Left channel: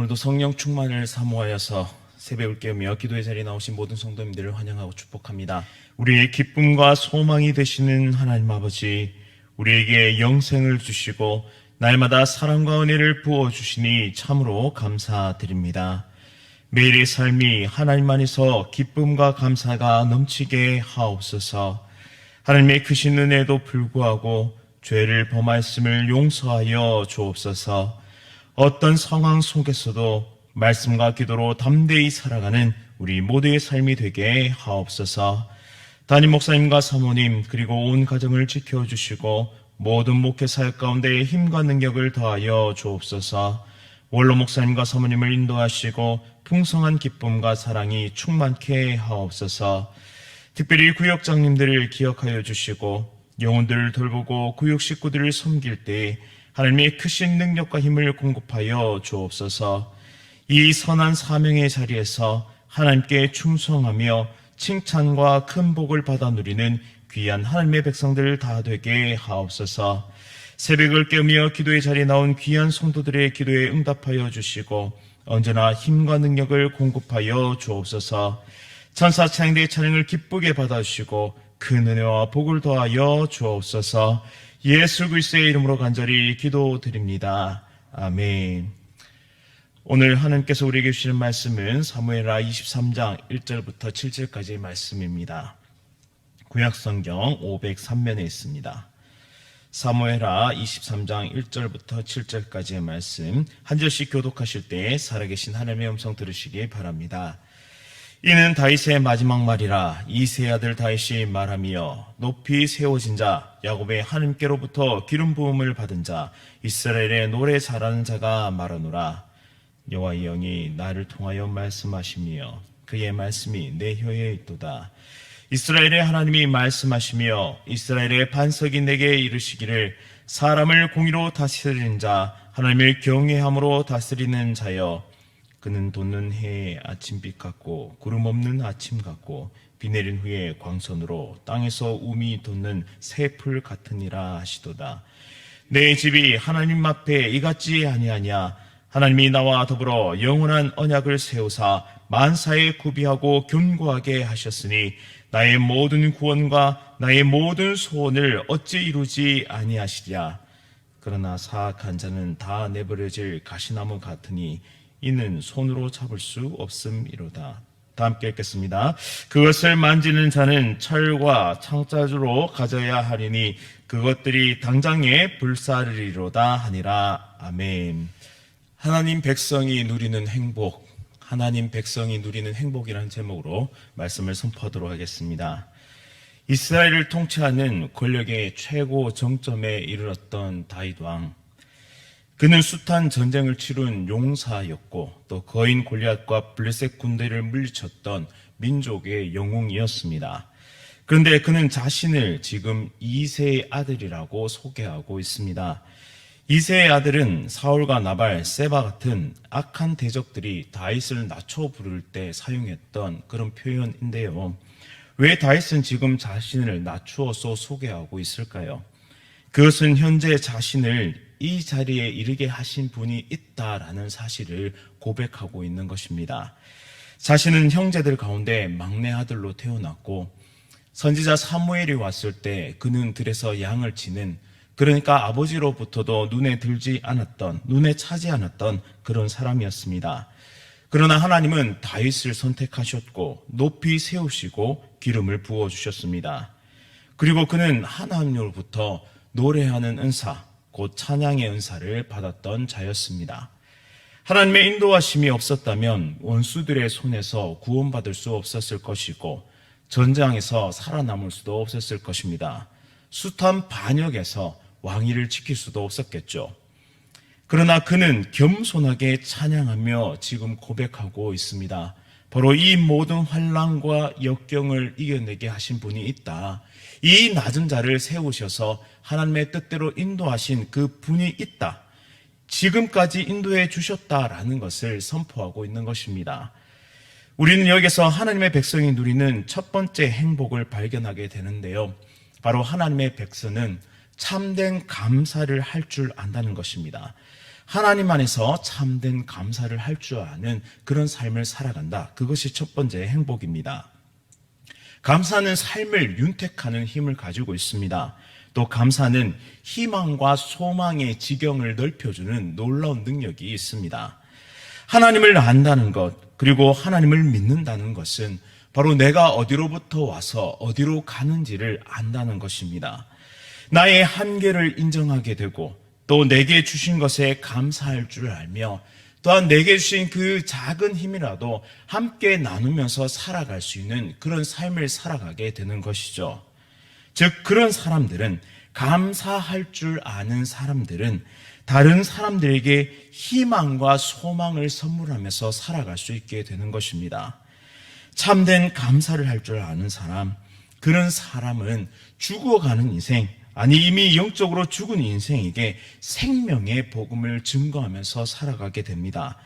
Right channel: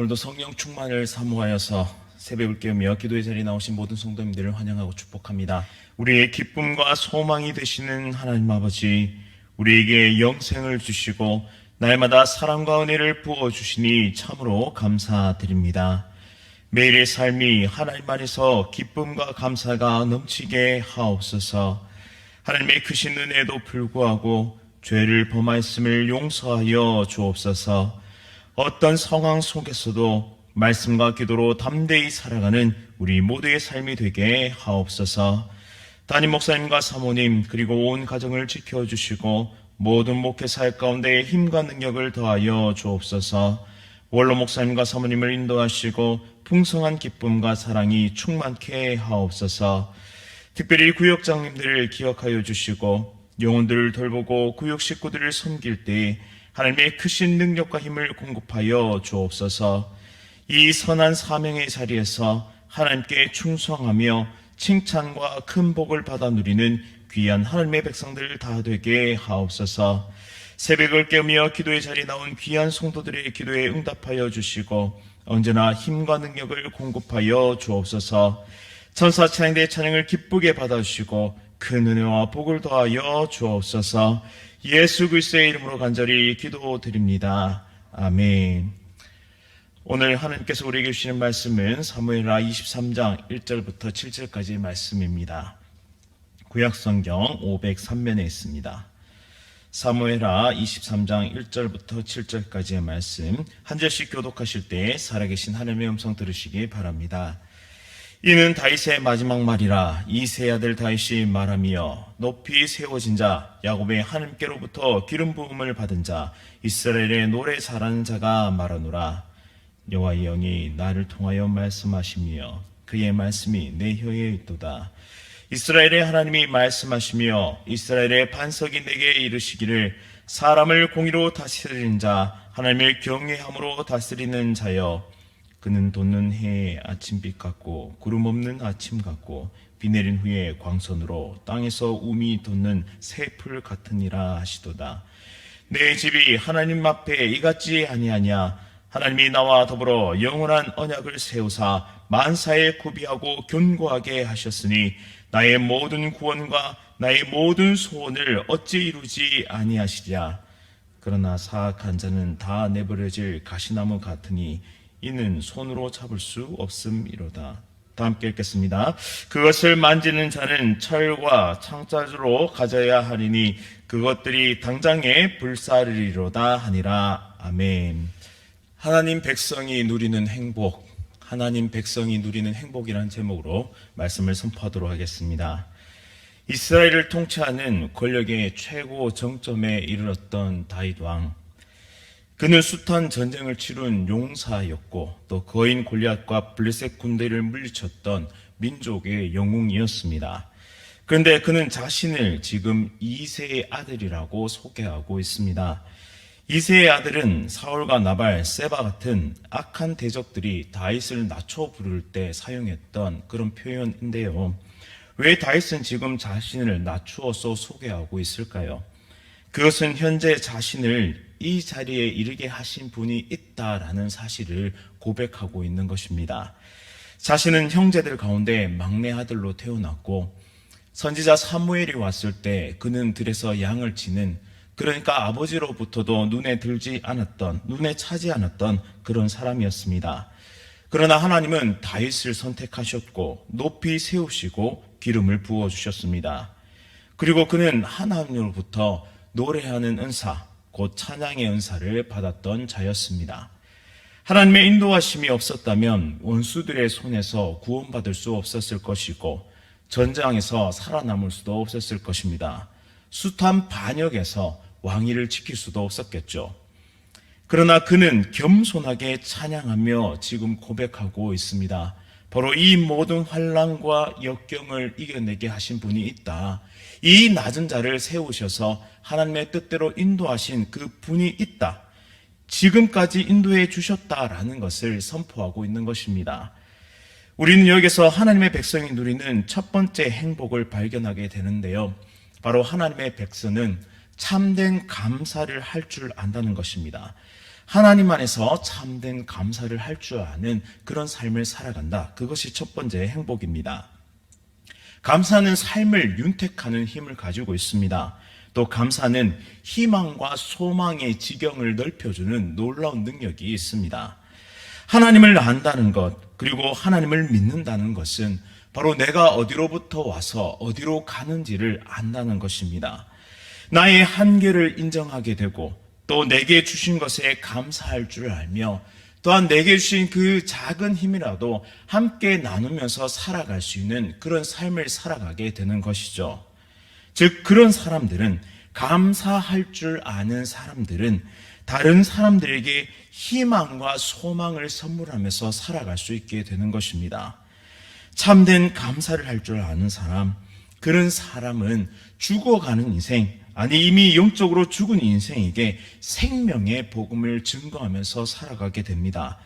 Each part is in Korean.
오늘도 성령 충만을 사모하여서 새벽을 깨우며 기도의 자리에 나오신 모든 성도님들을 환영하고 축복합니다. 우리의 기쁨과 소망이 되시는 하나님 아버지, 우리에게 영생을 주시고 날마다 사랑과 은혜를 부어주시니 참으로 감사드립니다. 매일의 삶이 하나님 안에서 기쁨과 감사가 넘치게 하옵소서. 하나님의 크신 은혜에도 불구하고 죄를 범하였음을 용서하여 주옵소서. 어떤 상황 속에서도 말씀과 기도로 담대히 살아가는 우리 모두의 삶이 되게 하옵소서. 담임 목사님과 사모님 그리고 온 가정을 지켜주시고 모든 목회 사역 가운데 힘과 능력을 더하여 주옵소서. 원로 목사님과 사모님을 인도하시고 풍성한 기쁨과 사랑이 충만케 하옵소서. 특별히 구역장님들을 기억하여 주시고 영혼들을 돌보고 구역 식구들을 섬길 때 하나님의 크신 능력과 힘을 공급하여 주옵소서. 이 선한 사명의 자리에서 하나님께 충성하며 칭찬과 큰 복을 받아 누리는 귀한 하나님의 백성들 다 되게 하옵소서. 새벽을 깨우며 기도의 자리에 나온 귀한 성도들의 기도에 응답하여 주시고 언제나 힘과 능력을 공급하여 주옵소서. 천사 찬양대의 찬양을 기쁘게 받아주시고 큰 은혜와 복을 더하여 주옵소서. 예수 그리스도의 이름으로 간절히 기도드립니다. 아멘. 오늘 하나님께서 우리에게 주시는 말씀은 사무엘하 23장 1절부터 7절까지의 말씀입니다. 구약성경 503면에 있습니다. 사무엘하 23장 1절부터 7절까지의 말씀 한 절씩 교독하실 때 살아계신 하나님의 음성 들으시기 바랍니다. 이는 다윗의 마지막 말이라. 이새의 아들 다윗이 말하며 높이 세워진 자 야곱의 하나님께로부터 기름 부음을 받은 자 이스라엘의 노래 잘하는 자가 말하노라. 여호와의 영이 나를 통하여 말씀하시며 그의 말씀이 내 혀에 있도다. 이스라엘의 하나님이 말씀하시며 이스라엘의 반석이 내게 이르시기를 사람을 공의로 다스리는 자 하나님을 경외함으로 다스리는 자여 그는 돋는 해의 아침빛 같고 구름 없는 아침 같고 비 내린 후에 광선으로 땅에서 움이 돋는 새풀 같으니라 하시도다. 내 집이 하나님 앞에 이같지 아니하냐. 하나님이 나와 더불어 영원한 언약을 세우사 만사에 구비하고 견고하게 하셨으니 나의 모든 구원과 나의 모든 소원을 어찌 이루지 아니하시랴. 그러나 사악한 자는 다 내버려질 가시나무 같으니 이는 손으로 잡을 수 없음이로다. 다 함께 읽겠습니다. 그것을 만지는 자는 철과 창자주로 가져야 하리니 그것들이 당장에 불사르리로다 하니라. 아멘. 하나님 백성이 누리는 행복, 하나님 백성이 누리는 행복이라는 제목으로 말씀을 선포하도록 하겠습니다. 이스라엘을 통치하는 권력의 최고 정점에 이르렀던 다윗 왕, 그는 숱한 전쟁을 치룬 용사였고 또 거인 골리앗과 블레셋 군대를 물리쳤던 민족의 영웅이었습니다. 그런데 그는 자신을 지금 이새의 아들이라고 소개하고 있습니다. 이새의 아들은 사울과 나발, 세바 같은 악한 대적들이 다윗을 낮춰 부를 때 사용했던 그런 표현인데요. 왜 다윗은 지금 자신을 낮추어서 소개하고 있을까요? 그것은 현재 자신을 이 자리에 이르게 하신 분이 있다라는 사실을 고백하고 있는 것입니다. 자신은 형제들 가운데 막내 아들로 태어났고 선지자 사무엘이 왔을 때 그는 들에서 양을 치는, 그러니까 아버지로부터도 눈에 들지 않았던, 눈에 차지 않았던 그런 사람이었습니다. 그러나 하나님은 다윗을 선택하셨고 높이 세우시고 기름을 부어주셨습니다. 그리고 그는 하나님으로부터 노래하는 은사, 곧 찬양의 은사를 받았던 자였습니다. 하나님의 인도하심이 없었다면 원수들의 손에서 구원받을 수 없었을 것이고 전장에서 살아남을 수도 없었을 것입니다. 숱한 반역에서 왕위를 지킬 수도 없었겠죠. 그러나 그는 겸손하게 찬양하며 지금 고백하고 있습니다. 바로 이 모든 환난과 역경을 이겨내게 하신 분이 있다. 이 낮은 자를 세우셔서 하나님의 뜻대로 인도하신 그 분이 있다. 지금까지 인도해 주셨다라는 것을 선포하고 있는 것입니다. 우리는 여기서 하나님의 백성이 누리는 첫 번째 행복을 발견하게 되는데요. 바로 하나님의 백성은 참된 감사를 할 줄 안다는 것입니다. 하나님 안에서 참된 감사를 할 줄 아는 그런 삶을 살아간다. 그것이 첫 번째 행복입니다. 감사는 삶을 윤택하는 힘을 가지고 있습니다. 또 감사는 희망과 소망의 지경을 넓혀주는 놀라운 능력이 있습니다. 하나님을 안다는 것, 그리고 하나님을 믿는다는 것은 바로 내가 어디로부터 와서 어디로 가는지를 안다는 것입니다. 나의 한계를 인정하게 되고 또 내게 주신 것에 감사할 줄 알며 또한 내게 주신 그 작은 힘이라도 함께 나누면서 살아갈 수 있는 그런 삶을 살아가게 되는 것이죠. 즉 그런 사람들은, 감사할 줄 아는 사람들은 다른 사람들에게 희망과 소망을 선물하면서 살아갈 수 있게 되는 것입니다. 참된 감사를 할 줄 아는 사람, 그런 사람은 죽어가는 인생, 아니 이미 영적으로 죽은 인생에게 생명의 복음을 증거하면서 살아가게 됩니다.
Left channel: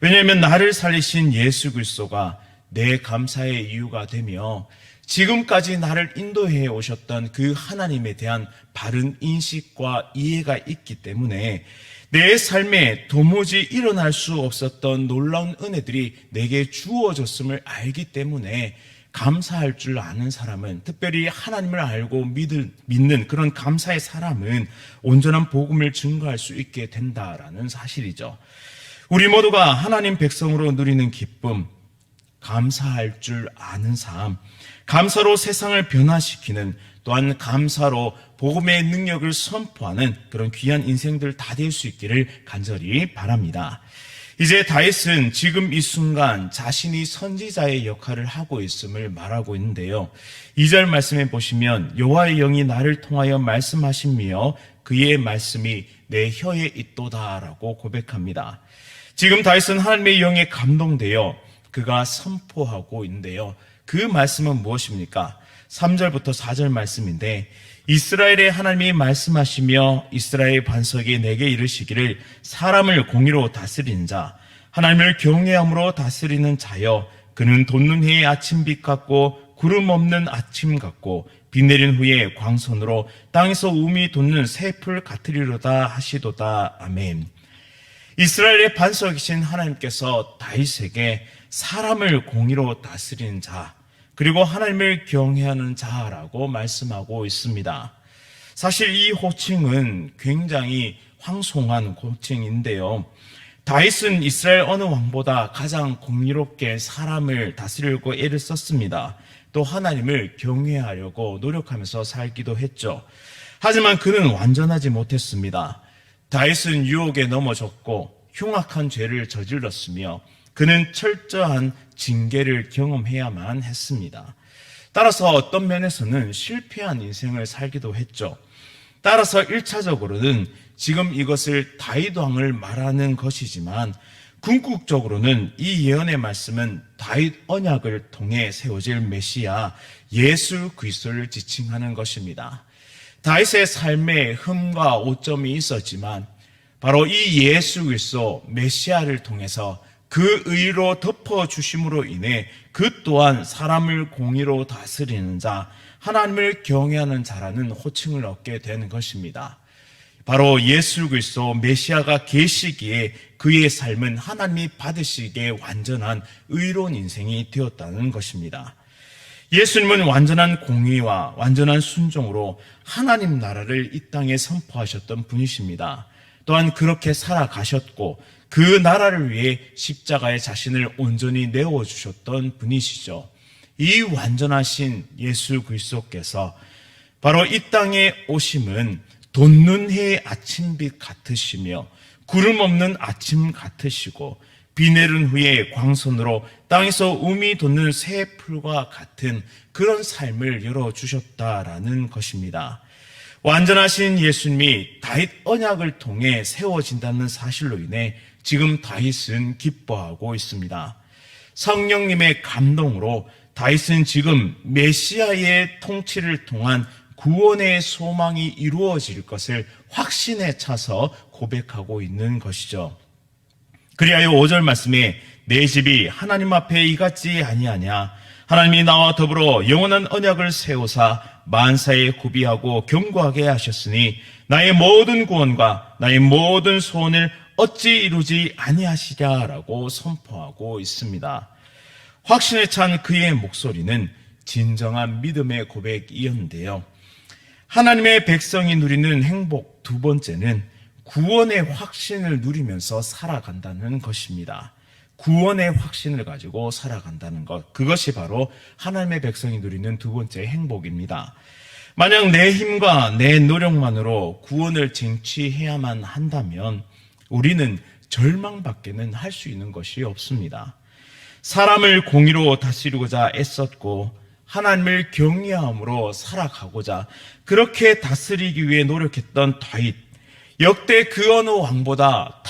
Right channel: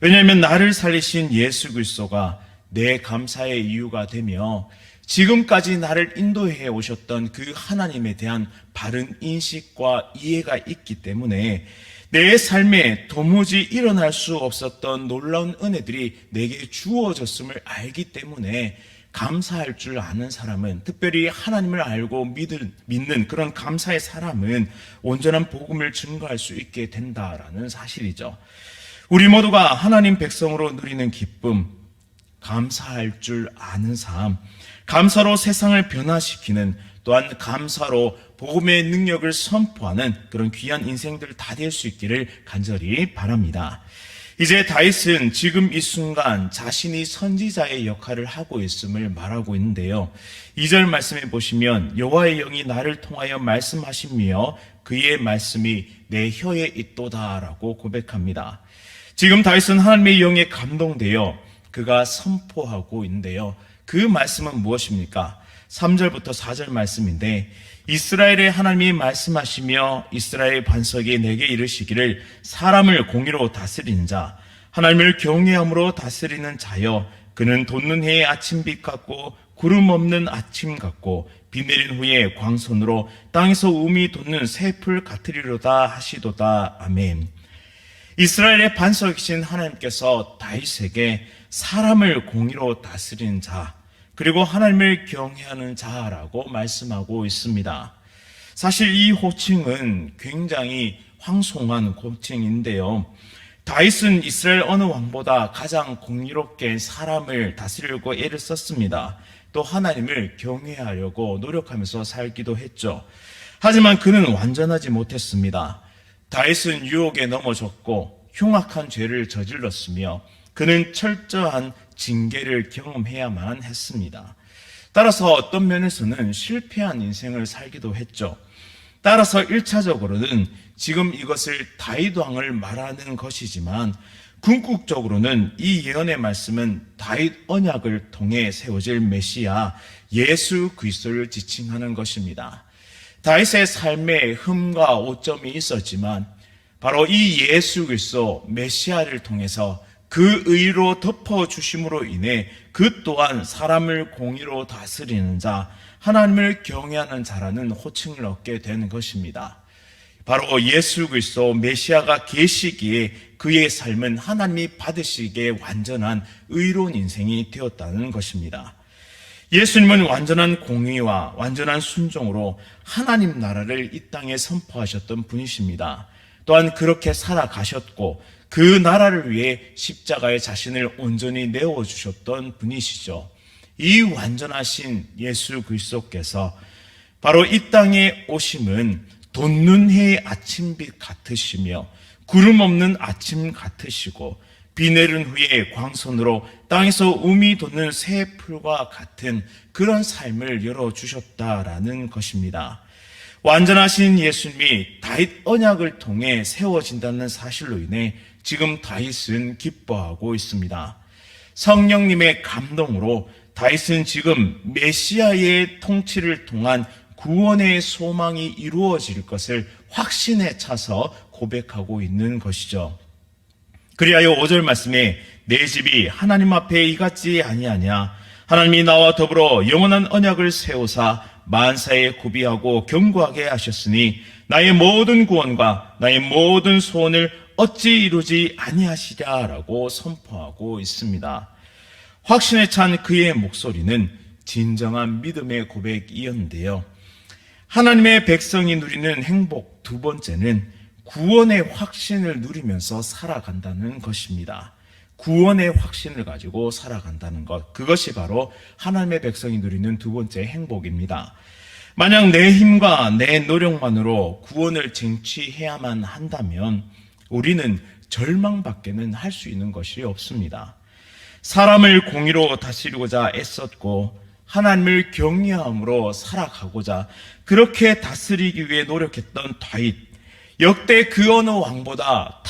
왜냐하면 나를 살리신 예수 그리스도가 내 감사의 이유가 되며 지금까지 나를 인도해 오셨던 그 하나님에 대한 바른 인식과 이해가 있기 때문에 내 삶에 도무지 일어날 수 없었던 놀라운 은혜들이 내게 주어졌음을 알기 때문에 감사할 줄 아는 사람은, 특별히 하나님을 알고 믿는 그런 감사의 사람은 온전한 복음을 증거할 수 있게 된다라는 사실이죠. 우리 모두가 하나님 백성으로 누리는 기쁨, 감사할 줄 아는 삶, 감사로 세상을 변화시키는, 또한 감사로 복음의 능력을 선포하는 그런 귀한 인생들 다 될 수 있기를 간절히 바랍니다. 이제 다윗은 지금 이 순간 자신이 선지자의 역할을 하고 있음을 말하고 있는데요. 2절 말씀에 보시면 여호와의 영이 나를 통하여 말씀하시며 그의 말씀이 내 혀에 있도다라고 고백합니다. 지금 다윗은 하나님의 영에 감동되어 그가 선포하고 있는데요. 그 말씀은 무엇입니까? 3절부터 4절 말씀인데, 이스라엘의 하나님이 말씀하시며 이스라엘의 반석이 내게 이르시기를 사람을 공의로 다스리는 자, 하나님을 경외함으로 다스리는 자여, 그는 돋는 해의 아침빛 같고 구름 없는 아침 같고 비 내린 후에 광선으로 땅에서 우미 돋는 새풀 같으리로다 하시도다. 아멘. 이스라엘의 반석이신 하나님께서 다윗에게 사람을 공의로 다스리는 자, 그리고 하나님을 경외하는 자라고 말씀하고 있습니다. 사실 이 호칭은 굉장히 황송한 호칭인데요. 다윗은 이스라엘 어느 왕보다 가장 공의롭게 사람을 다스리려고 애를 썼습니다. 또 하나님을 경외하려고 노력하면서 살기도 했죠. 하지만 그는 완전하지 못했습니다. 다윗은 유혹에 넘어졌고 흉악한 죄를 저질렀으며 그는 철저한 징계를 경험해야만 했습니다. 따라서 어떤 면에서는 실패한 인생을 살기도 했죠. 따라서 1차적으로는 지금 이것을 다윗 왕을 말하는 것이지만 궁극적으로는 이 예언의 말씀은 다윗 언약을 통해 세워질 메시아 예수 그리스도를 지칭하는 것입니다. 다윗의 삶에 흠과 오점이 있었지만 바로 이 예수 그리스도 메시아를 통해서 그 의로 덮어주심으로 인해 그 또한 사람을 공의로 다스리는 자, 하나님을 경외하는 자라는 호칭을 얻게 되는 것입니다. 바로 예수 그리스도 메시아가 계시기에 그의 삶은 하나님이 받으시기에 완전한 의로운 인생이 되었다는 것입니다. 예수님은 완전한 공의와 완전한 순종으로 하나님 나라를 이 땅에 선포하셨던 분이십니다. 또한 그렇게 살아가셨고 그 나라를 위해 십자가에 자신을 온전히 내어주셨던 분이시죠. 이 완전하신 예수 그리스도께서 바로 이 땅에 오심은 돋는 해의 아침빛 같으시며 구름 없는 아침 같으시고 비 내린 후에 광선으로 땅에서 우미 돋는 새 풀과 같은 그런 삶을 열어주셨다라는 것입니다. 완전하신 예수님이 다윗 언약을 통해 세워진다는 사실로 인해 지금 다윗은 기뻐하고 있습니다. 성령님의 감동으로 다윗은 지금 메시아의 통치를 통한 구원의 소망이 이루어질 것을 확신에 차서 고백하고 있는 것이죠. 그리하여 5절 말씀에 내 집이 하나님 앞에 이같지 아니하냐, 하나님이 나와 더불어 영원한 언약을 세우사 만사에 구비하고 견고하게 하셨으니 나의 모든 구원과 나의 모든 소원을 어찌 이루지 아니하시랴라고 선포하고 있습니다. 확신에 찬 그의 목소리는 진정한 믿음의 고백이었는데요. 하나님의 백성이 누리는 행복 두 번째는 구원의 확신을 누리면서 살아간다는 것입니다. 구원의 확신을 가지고 살아간다는 것, 그것이 바로 하나님의 백성이 누리는 두 번째 행복입니다. 만약 내 힘과 내 노력만으로 구원을 쟁취해야만 한다면 우리는 절망밖에는 할 수 있는 것이 없습니다. 사람을 공의로 다스리고자 애썼고 하나님을 경외함으로 살아가고자 그렇게 다스리기 위해 노력했던 다윗, 역대 그 어느 왕보다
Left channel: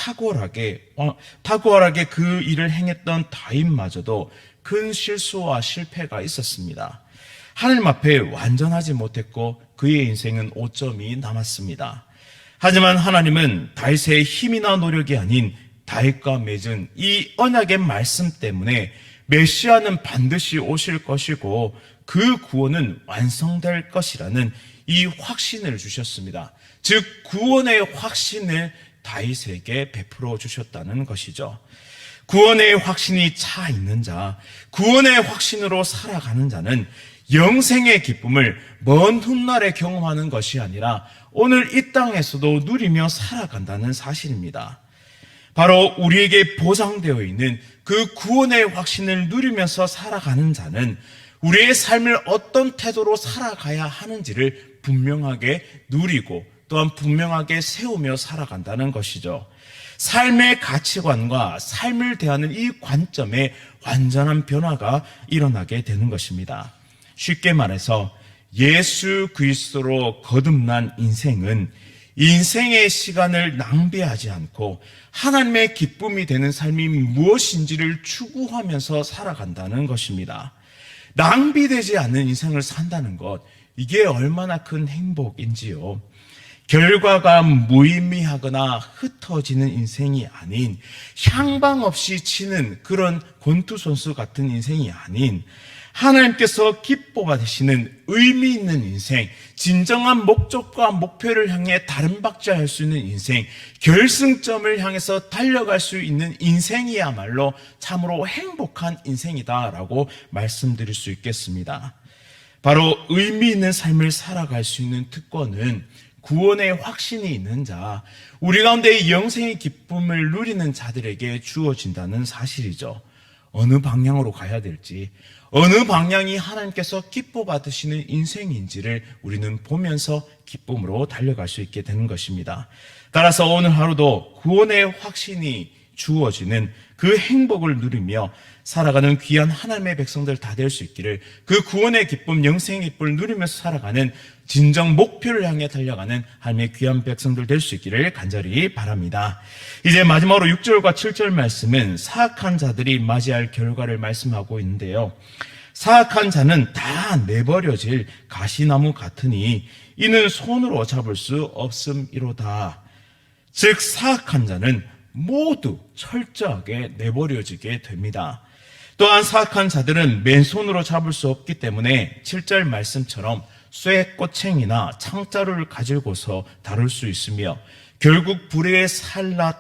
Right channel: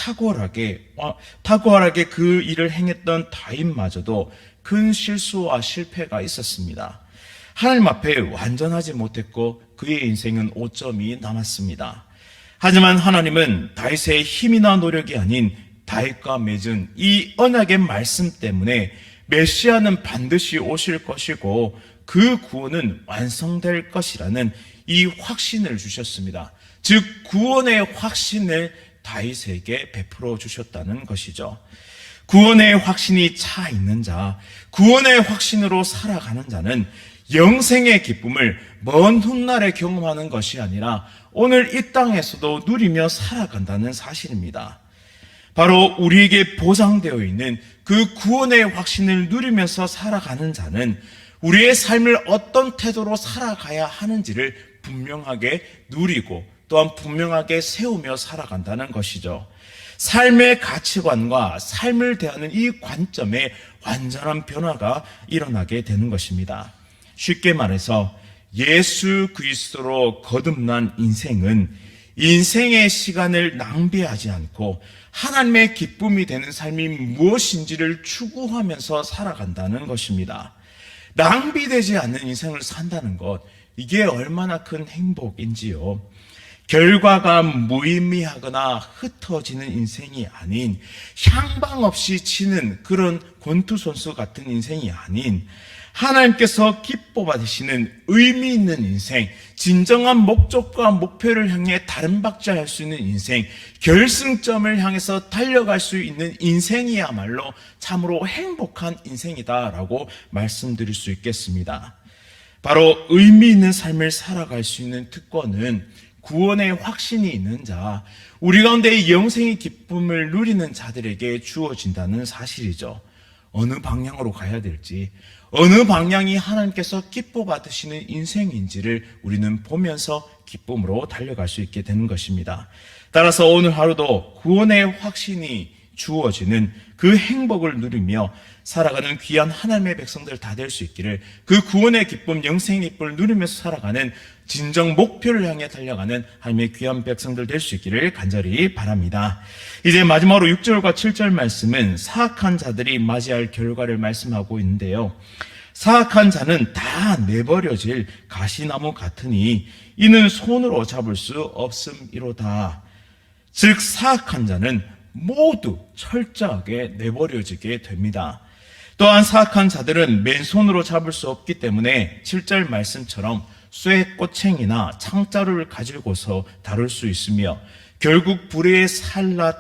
탁월하게 그 일을 행했던 다윗마저도 큰 실수와 실패가 있었습니다. 하나님 앞에 완전하지 못했고 그의 인생은 오점이 남았습니다. 하지만 하나님은 다윗의 힘이나 노력이 아닌 다윗과 맺은 이 언약의 말씀 때문에 메시아는 반드시 오실 것이고 그 구원은 완성될 것이라는 이 확신을 주셨습니다. 즉 구원의 확신을 다윗에게 베풀어 주셨다는 것이죠. 구원의 확신이 차 있는 자, 구원의 확신으로 살아가는 자는 영생의 기쁨을 먼 훗날에 경험하는 것이 아니라 오늘 이 땅에서도 누리며 살아간다는 사실입니다. 바로 우리에게 보장되어 있는 그 구원의 확신을 누리면서 살아가는 자는 우리의 삶을 어떤 태도로 살아가야 하는지를 분명하게 누리고 또한 분명하게 세우며 살아간다는 것이죠. 삶의 가치관과 삶을 대하는 이 관점에 완전한 변화가 일어나게 되는 것입니다. 쉽게 말해서 예수 그리스도로 거듭난 인생은 인생의 시간을 낭비하지 않고 하나님의 기쁨이 되는 삶이 무엇인지를 추구하면서 살아간다는 것입니다. 낭비되지 않는 인생을 산다는 것, 이게 얼마나 큰 행복인지요. 결과가 무의미하거나 흩어지는 인생이 아닌, 향방 없이 치는 그런 권투선수 같은 인생이 아닌, 하나님께서 기뻐 받으시는 의미 있는 인생, 진정한 목적과 목표를 향해 다른 박자할 수 있는 인생, 결승점을 향해서 달려갈 수 있는 인생이야말로 참으로 행복한 인생이다라고 말씀드릴 수 있겠습니다. 바로 의미 있는 삶을 살아갈 수 있는 특권은 구원의 확신이 있는 자, 우리 가운데 영생의 기쁨을 누리는 자들에게 주어진다는 사실이죠. 어느 방향으로 가야 될지, 어느 방향이 하나님께서 기뻐 받으시는 인생인지를 우리는 보면서 기쁨으로 달려갈 수 있게 되는 것입니다. 따라서 오늘 하루도 구원의 확신이 주어지는 그 행복을 누리며 살아가는 귀한 하나님의 백성들 다 될 수 있기를, 그 구원의 기쁨, 영생의 기쁨을 누리면서 살아가는 진정 목표를 향해 달려가는 하나님의 귀한 백성들 될 수 있기를 간절히 바랍니다. 이제 마지막으로 6절과 7절 말씀은 사악한 자들이 맞이할 결과를 말씀하고 있는데요. 사악한 자는 다 내버려질 가시나무 같으니 이는 손으로 잡을 수 없음이로다. 즉 사악한 자는 모두 철저하게 내버려지게 됩니다. 또한 사악한 자들은 맨손으로 잡을 수 없기 때문에 7절 말씀처럼 쇠 꼬챙이나 창자루를 가지고서 다룰 수 있으며 결국 불에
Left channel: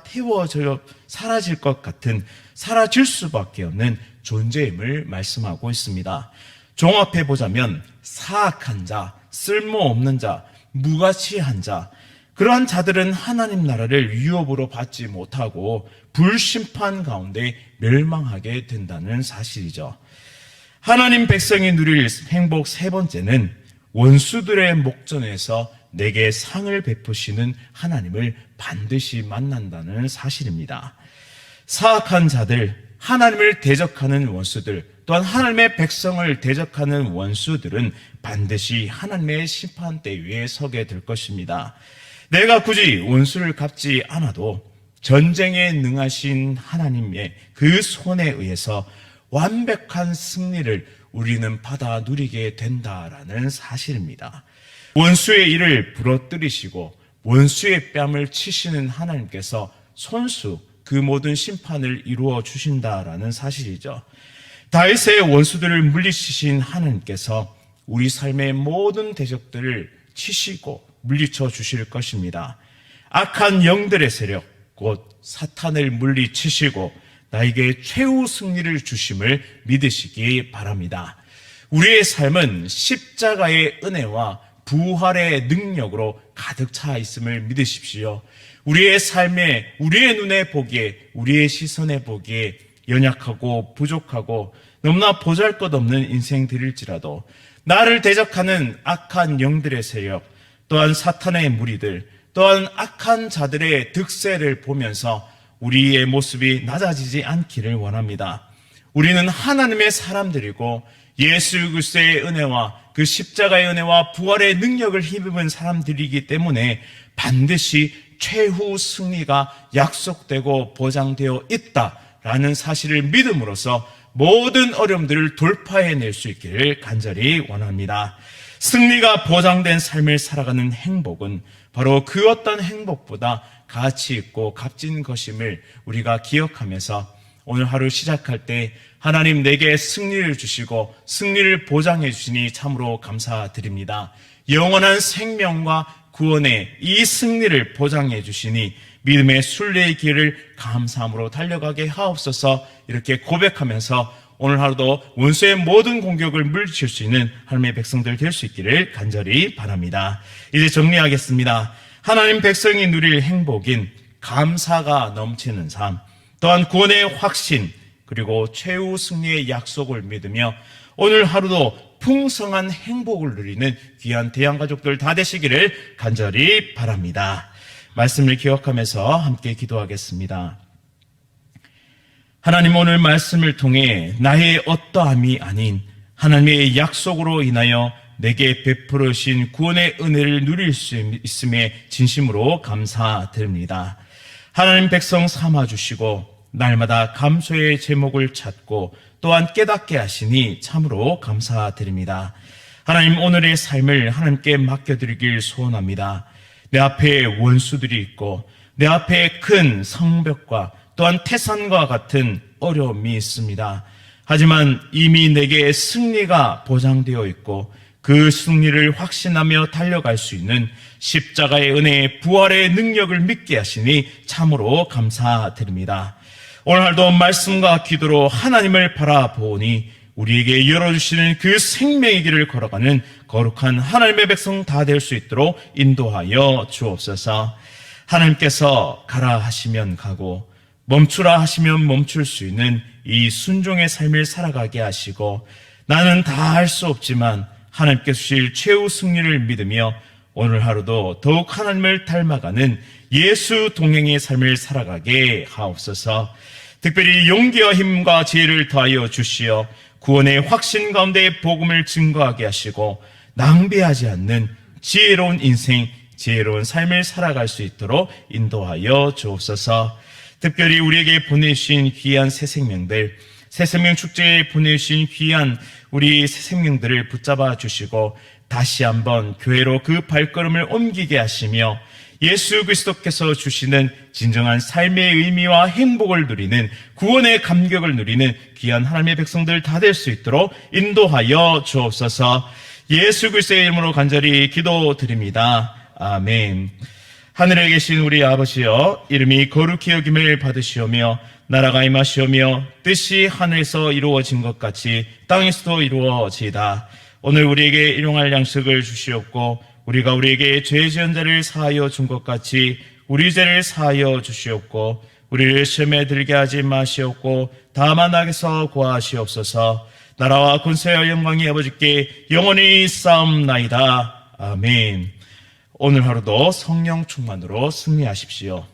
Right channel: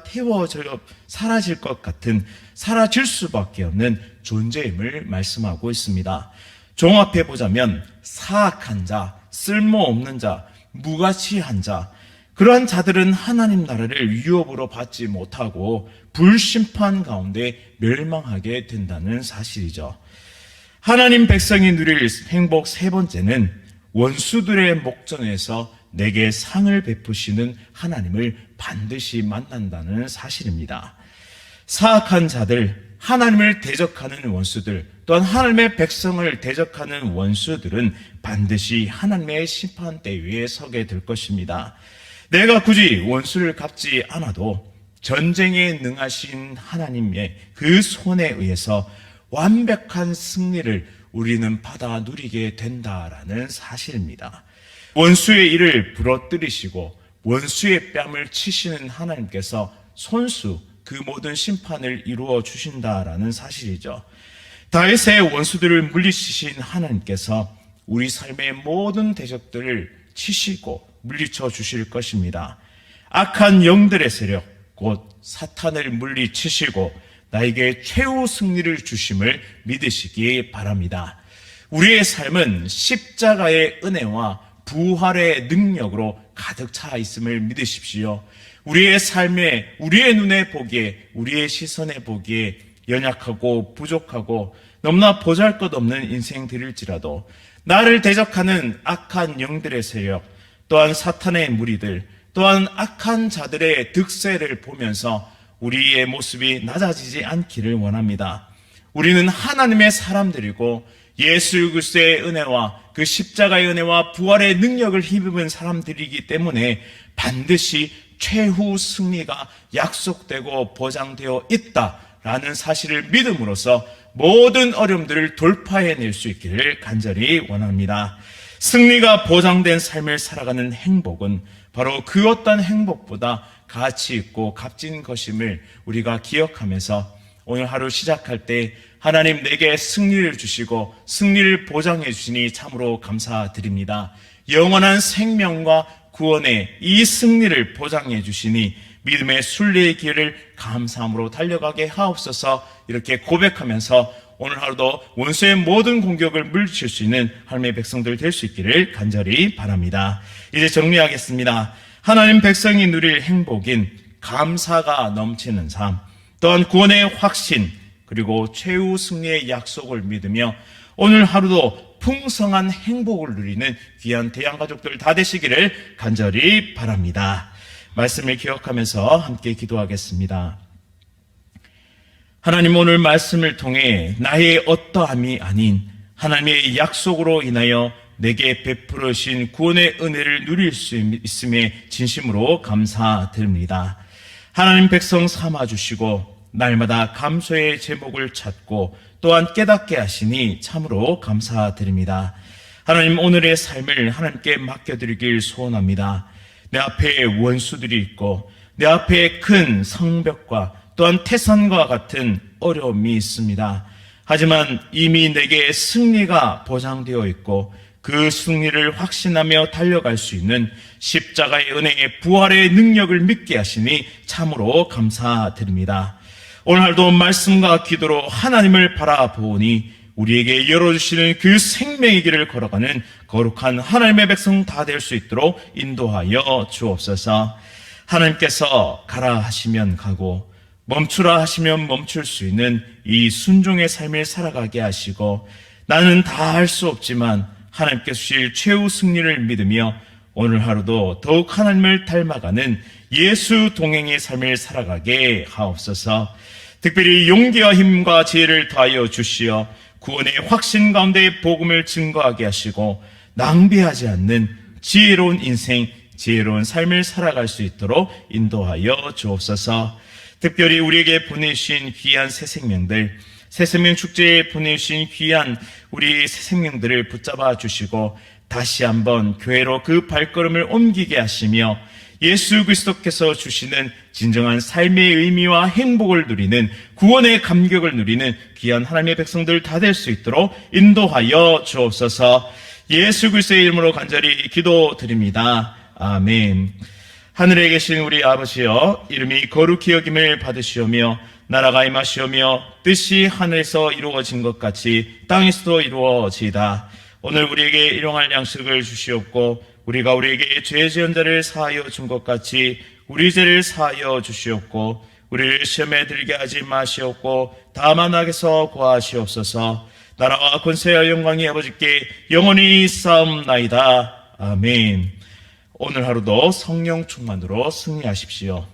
태워져 사라질 것 같은, 사라질 수밖에 없는 존재임을 말씀하고 있습니다. 종합해 보자면 사악한 자, 쓸모없는 자, 무가치한 자, 그러한 자들은 하나님 나라를 유업으로 받지 못하고 불심판 가운데 멸망하게 된다는 사실이죠. 하나님 백성이 누릴 행복 세 번째는 원수들의 목전에서 내게 상을 베푸시는 하나님을 반드시 만난다는 사실입니다. 사악한 자들, 하나님을 대적하는 원수들, 또한 하나님의 백성을 대적하는 원수들은 반드시 하나님의 심판대 위에 서게 될 것입니다. 내가 굳이 원수를 갚지 않아도 전쟁에 능하신 하나님의 그 손에 의해서 완벽한 승리를 우리는 받아 누리게 된다라는 사실입니다. 원수의 일을 부러뜨리시고 원수의 뺨을 치시는 하나님께서 손수 그 모든 심판을 이루어 주신다라는 사실이죠. 다윗의 원수들을 물리치신 하나님께서 우리 삶의 모든 대적들을 치시고 물리쳐 주실 것입니다. 악한 영들의 세력, 곧 사탄을 물리치시고 나에게 최후 승리를 주심을 믿으시기 바랍니다. 우리의 삶은 십자가의 은혜와 부활의 능력으로 가득 차 있음을 믿으십시오. 우리의 삶에, 우리의 눈에 보기에, 우리의 시선에 보기에 연약하고 부족하고 너무나 보잘것없는 인생들일지라도 나를 대적하는 악한 영들의 세력, 또한 사탄의 무리들, 또한 악한 자들의 득세를 보면서 우리의 모습이 낮아지지 않기를 원합니다. 우리는 하나님의 사람들이고 예수 그리스도의 은혜와 그 십자가의 은혜와 부활의 능력을 힘입은 사람들이기 때문에 반드시 최후 승리가 약속되고 보장되어 있다라는 사실을 믿음으로써 모든 어려움들을 돌파해낼 수 있기를 간절히 원합니다. 승리가 보장된 삶을 살아가는 행복은 바로 그 어떤 행복보다 가치 있고 값진 것임을 우리가 기억하면서 오늘 하루 시작할 때 하나님 내게 승리를 주시고 승리를 보장해 주시니 참으로 감사드립니다. 영원한 생명과 구원의 이 승리를 보장해 주시니 믿음의 순례의 길을 감사함으로 달려가게 하옵소서. 이렇게 고백하면서 오늘 하루도 원수의 모든 공격을 물리칠 수 있는 하나님의 백성들 될 수 있기를 간절히 바랍니다. 이제 정리하겠습니다. 하나님 백성이 누릴 행복인 감사가 넘치는 삶, 또한 구원의 확신, 그리고 최후 승리의 약속을 믿으며 오늘 하루도 풍성한 행복을 누리는 귀한 대양가족들 다 되시기를 간절히 바랍니다. 말씀을 기억하면서 함께 기도하겠습니다. 하나님, 오늘 말씀을 통해 나의 어떠함이 아닌 하나님의 약속으로 인하여 내게 베풀어 주신 구원의 은혜를 누릴 수 있음에 진심으로 감사드립니다. 하나님 백성 삼아주시고 날마다 감소의 제목을 찾고 또한 깨닫게 하시니 참으로 감사드립니다. 하나님, 오늘의 삶을 하나님께 맡겨드리길 소원합니다. 내 앞에 원수들이 있고 내 앞에 큰 성벽과 또한 태산과 같은 어려움이 있습니다. 하지만 이미 내게 승리가 보장되어 있고 그 승리를 확신하며 달려갈 수 있는 십자가의 은혜의 부활의 능력을 믿게 하시니 참으로 감사드립니다. 오늘 하루도 말씀과 기도로 하나님을 바라보니 우리에게 열어주시는 그 생명의 길을 걸어가는 거룩한 하나님의 백성 다 될 수 있도록 인도하여 주옵소서. 하나님께서 가라 하시면 가고 멈추라 하시면 멈출 수 있는 이 순종의 삶을 살아가게 하시고 나는 다 할 수 없지만 하나님께서 주실 최후 승리를 믿으며 오늘 하루도 더욱 하나님을 닮아가는 예수 동행의 삶을 살아가게 하옵소서. 특별히 용기와 힘과 지혜를 더하여 주시어 구원의 확신 가운데 복음을 증거하게 하시고 낭비하지 않는 지혜로운 인생, 지혜로운 삶을 살아갈 수 있도록 인도하여 주옵소서. 특별히 우리에게 보내주신 귀한 새 생명들, 새 생명 축제에 보내주신 귀한 우리 새 생명들을 붙잡아 주시고 다시 한번 교회로 그 발걸음을 옮기게 하시며 예수 그리스도께서 주시는 진정한 삶의 의미와 행복을 누리는 구원의 감격을 누리는 귀한 하나님의 백성들 다 될 수 있도록 인도하여 주옵소서. 예수 그리스도의 이름으로 간절히 기도드립니다. 아멘. 하늘에 계신 우리 아버지여, 이름이 거룩히 여김을 받으시오며 나라가 임하시오며 뜻이 하늘에서 이루어진 것 같이 땅에서도 이루어지이다. 오늘 우리에게 일용할 양식을 주시옵고 우리가 우리에게 죄 지은 자를 사하여 준 것 같이 우리 죄를 사하여 주시옵고 우리를 시험에 들게 하지 마시옵고 다만 악에서 구하시옵소서. 나라와 권세와 영광이 아버지께 영원히 싸움나이다. 아멘. 오늘 하루도 성령 충만으로 승리하십시오.